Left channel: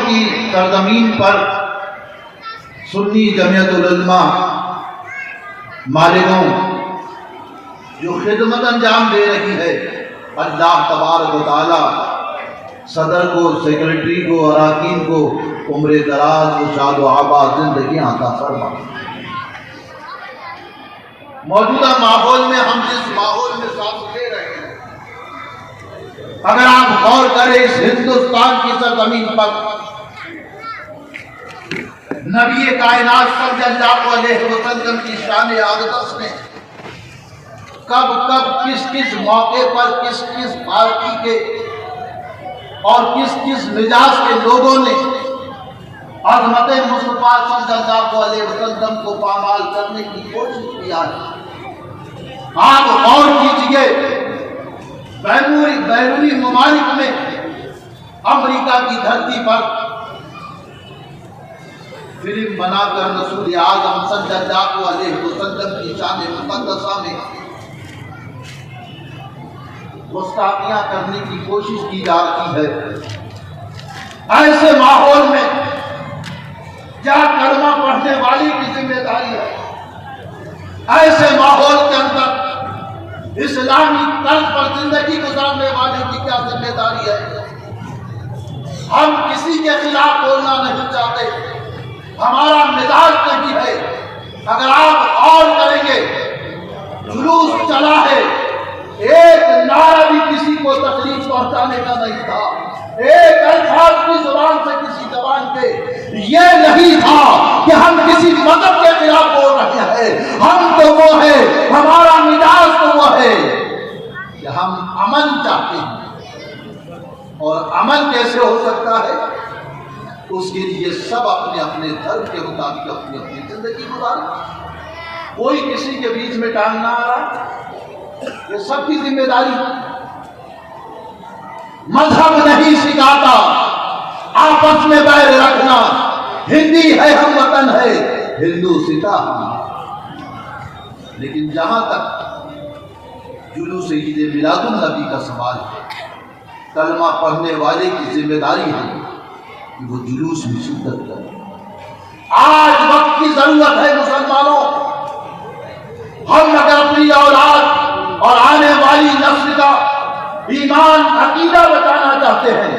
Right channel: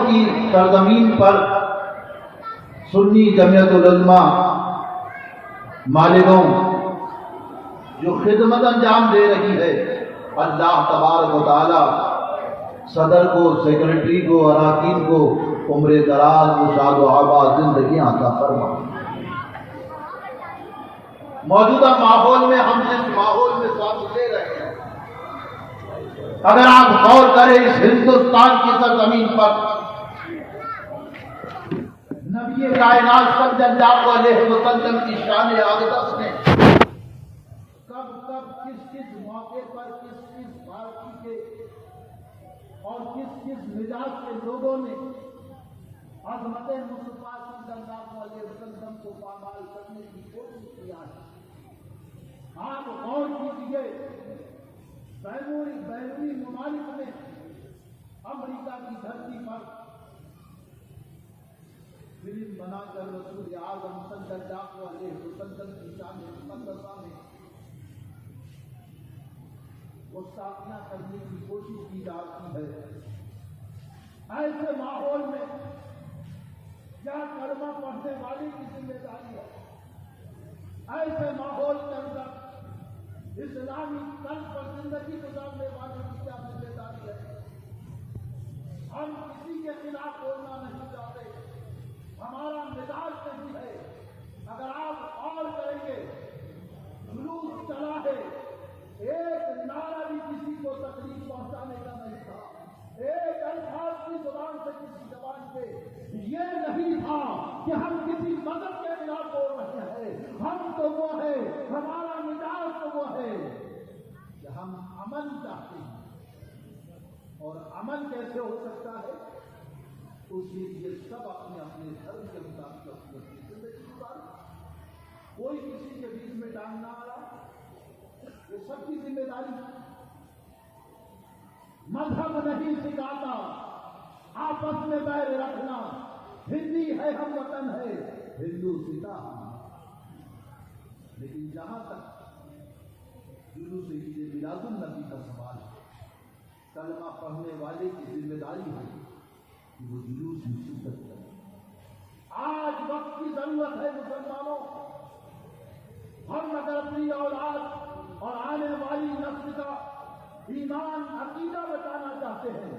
کی سرزمین پر سنی جمعیت العلماء مالیگاؤں جو خدمت انجام دے رہی ہے، اللہ تبارک و تعالی صدر کو، سیکرٹری کو، اراکین کو عمر دراز و شاد و آباد زندگیاں عطا فرما۔ موجودہ ماحول میں ہم جس ماحول میں سانس لے رہے ہیں، اگر آپ غور کریں اس ہندوستان کی سرزمین پر نبی کائنات صلی اللہ علیہ وسلم کی شان اقدس نے کب کب کس کس موقع پر کس کس پارٹی کے اور کس کس مزاج کے لوگوں نے عظمت مصطفیٰ صلی اللہ علیہ وسلم کو پامال کرنے کی کوشش کیا ہے۔ آپ غور کیجئے، بیرونی ممالک میں امریکہ کی دھرتی پر فلم بنا کر رسول اعظم صلی اللہ علیہ وسلم کی شان مقدسہ میں گستاخیاں کرنے کی کوشش کی جا رہی ہے۔ ایسے ماحول میں کیا کلمہ پڑھنے والی کی ذمہ داری ہے؟ ایسے ماحول کے اندر اسلامی طرز پر زندگی گزارنے والے کی کیا ذمہ داری ہے؟ ہم کسی کے خلاف بولنا نہیں چاہتے، ہمارا مزاج نہیں ہے۔ اگر آپ غور کریں گے، جلوس چلا ہے، ایک نعرہ بھی کسی کو تکلیف پہنچانے کا نہیں تھا، ایک الفاظ کی زبان سے کسی زبان کے یہ نہیں تھا کہ ہم کسی مذہب کے خلاف بول رہے ہیں۔ ہم تو وہ ہے، ہمارا مزاج تو وہ ہے کہ ہم امن چاہتے ہیں، اور امن کیسے ہو سکتا ہے؟ اس کے لیے سب اپنے اپنے دھرم کے مطابق اپنی اپنی زندگی گزارے، کوئی کسی کے بیچ میں ٹانگ نہ آ رہا، یہ سب کی ذمہ داری ہے۔ مذہب نہیں سکھاتا آپس میں بیر رکھنا، ہندی ہے ہم وطن ہے، ہندو سکھا ہم۔ لیکن جہاں تک جلوس عید میلاد النبی کا سوال ہے، کلمہ پڑھنے والے کی ذمہ داری ہے کہ وہ جلوس میں شدت کرے۔ آج وقت کی ضرورت ہے مسلمانوں، ہم اگر اپنی اولاد اور آنے والی نسل کا ایمان عقیدہ بچانا چاہتے ہیں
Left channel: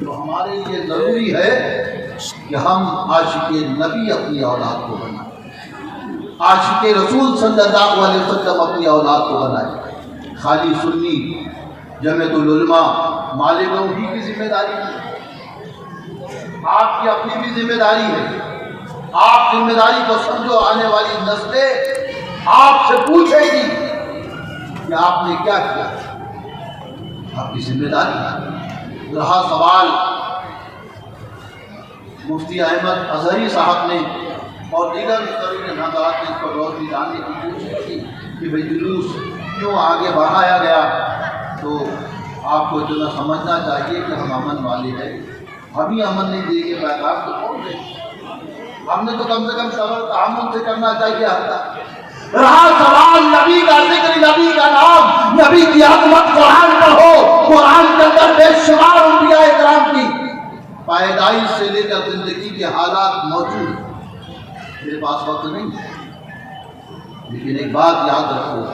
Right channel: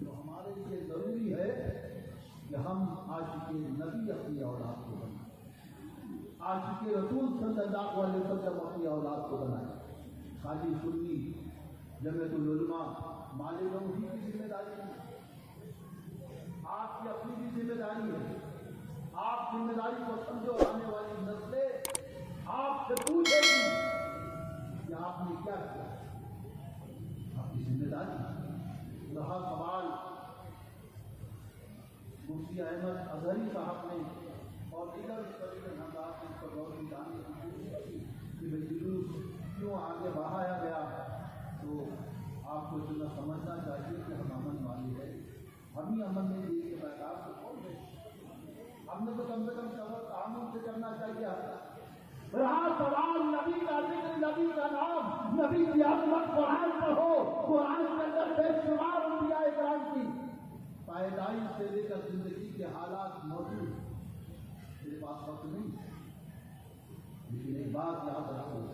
تو ہمارے لیے ضروری ہے کہ ہم عاشق نبی اپنی اولاد کو بنائیں، عاشق رسول صلی اللہ علیہ وسلم اپنی اولاد کو بنائیں۔ خالی سنی جمعیت العلماء مالیگاؤں ہی کی ذمہ داری ہے، آپ کی اپنی بھی ذمہ داری ہے۔ آپ ذمہ داری کو سمجھو، آنے والی نسلیں آپ سے پوچھے گی کہ آپ نے کیا کیا، آپ کی ذمہ داری ہے۔ رہا سوال مفتی احمد اظہری صاحب نے اور دیگر مستقل حضرات نے اس پر روشنی ڈالنے کی کوشش کی کہ بھئی جلوس کیوں آگے بڑھایا گیا، تو آپ کو اتنا سمجھنا چاہیے کہ ہم امن والے ہیں، ہم ہی امن نہیں دیں گے، پیغام تو کون دے؟ ہم نے تو کم سے کم صبر تحمل سے کرنا چاہیے۔ رہا سوال نبی کا ذکر، نبی کا نام، نبی کی عظمت، قرآن پڑھو، قرآن کے اندر بے شمار انبیاء اکرام کی پیدائش سے لے کر زندگی کے حالات موجود ہیں۔ میرے پاس وقت نہیں ہے، لیکن ایک بات یاد رکھو،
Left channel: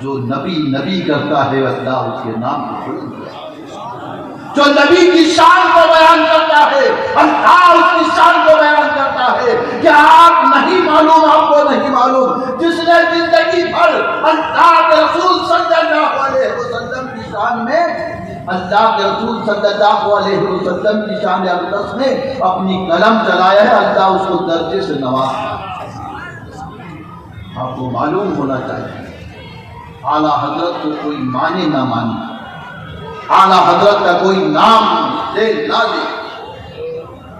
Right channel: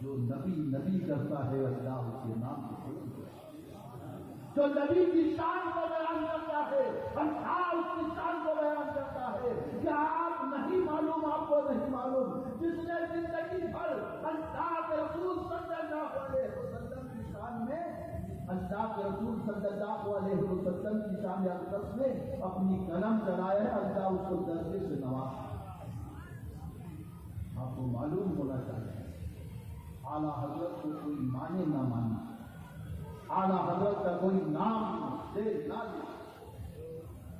جو نبی نبی کرتا ہے اللہ اس کے نام کو بلند کرتا ہے، جو نبی کی شان کو بیان کرتا ہے اللہ اس کی شان کو بیان کرتا ہے۔ کیا آپ نہیں معلوم، آپ کو نہیں معلوم، جس نے زندگی بھر اللہ کے رسول صلی اللہ علیہ وسلم کی شان میں، اللہ کے رسول صلی اللہ علیہ وسلم کی شان اقدس میں اپنی قلم چلایا ہے، اللہ اس کو درجے سے نوازا۔ آپ کو معلوم ہونا چاہیے، اعلیٰ حضرت کو کوئی مانے نہ مانے، اعلیٰ حضرت کا کوئی نام لے نہ لے،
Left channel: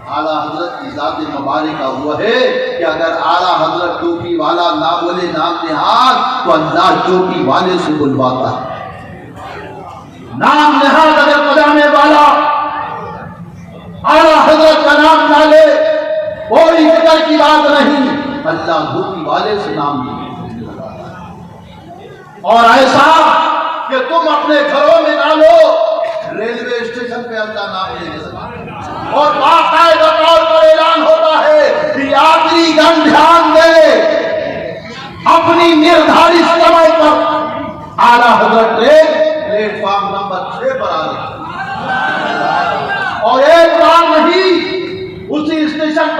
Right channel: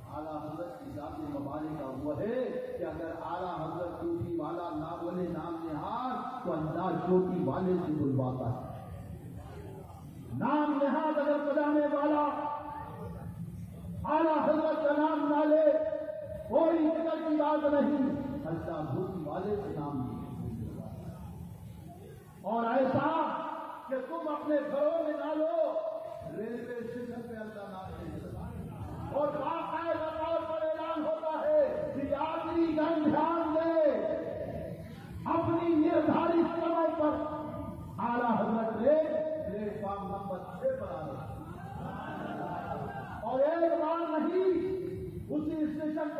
اعلیٰ حضرت کی ذات مبارکہ وہ ہے کہ اگر اعلیٰ حضرت ٹوپی والا نہ بولے نام نہاد تو اللہ ٹوپی والے سے بلواتا ہے۔ نام نہاد اگر پجامے والا اعلیٰ حضرت کا نام نہ لے، کوئی فکر کی بات نہیں، اللہ ٹوپی والے سے نام لے۔ اور ایسا کہ تم اپنے گھروں میں نہ لو، ریلوے اسٹیشن پہ اللہ نام لے، اور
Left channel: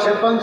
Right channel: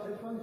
56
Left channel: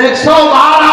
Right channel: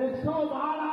112।